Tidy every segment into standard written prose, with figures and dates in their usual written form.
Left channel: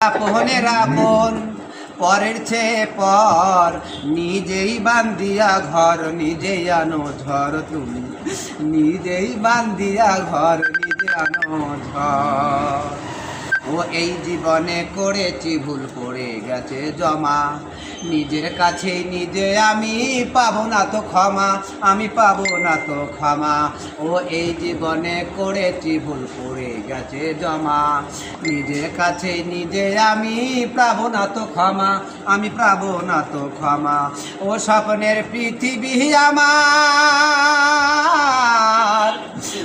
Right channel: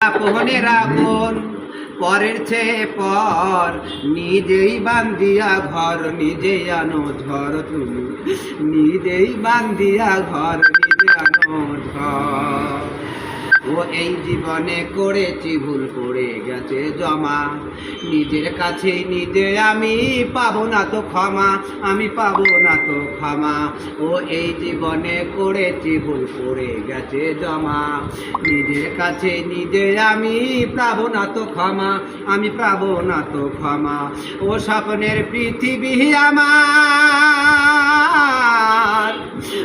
আপনের আপন পরের চেয়ে পর নিজেই বান্দিয়া ঘর নিজেই আনো ঝড় তুমি নিজেই বান্দিয়া ঘর নিজে আনো ঝড় ও এই জীবনে করেছি ভুল করে গেছে জমা নিজের কাছে নিজে আমি পাবো না তো ক্ষমা আমি পাবো না তো ক্ষমা ও এই জীবনে করেছি ভুল করে গেছে জমা নিজের কাছে নিজে আমি পাবো না তো ক্ষমা আমি পাবো না তো ক্ষমা ও স্বপ্নের পৃথিবী আমার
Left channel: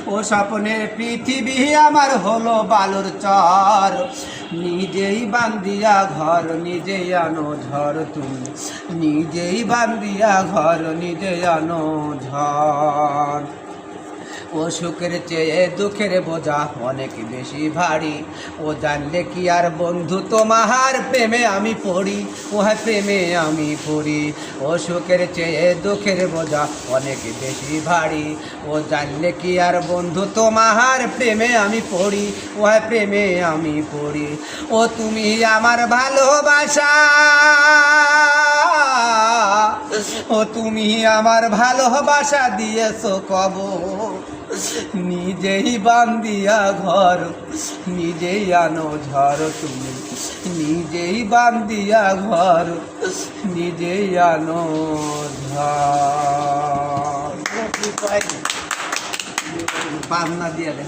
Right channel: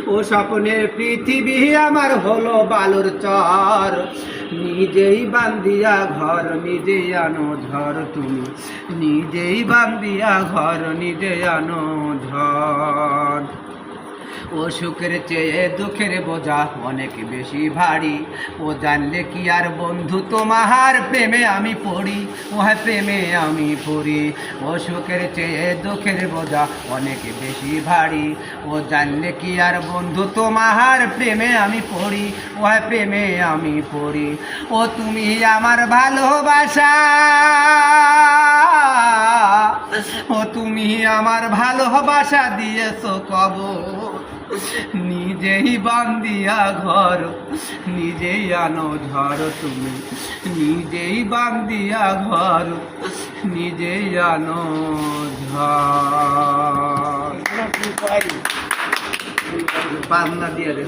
ও স্বপ্নের পৃথিবী আমার হলো বালুর চর নিজেই বান্দিয়া ঘর নিজেই আনো ঝড় তুমি নিজেই বান্দিয়া ঘর নিজে আনো ঝড় ও সুখের চেয়ে দুঃখের বোঝা অনেক বেশি ভারী ও জানলে কি আর বন্ধু তোমার প্রেমে আমি পড়ি ও হ্যাঁ প্রেমে আমি পড়ি ও সুখের চেয়ে দুঃখের বোঝা অনেক বেশি ভারী ও জানলে কি আর বন্ধু তোমার প্রেমে আমি পড়ি ও হ্যাঁ প্রেমে আমি পড়ি ও তুমি আমার ভালোবাসা ও তুমি আমার ভালোবাসা দিয়েছো কবর নিজেই বান্দিয়া ঘর নিজেই আনো ঝড় তুমি নিজেই বান্দিয়া ঘর নিজেই আনো ঝড় পাবনা দিয়ে দে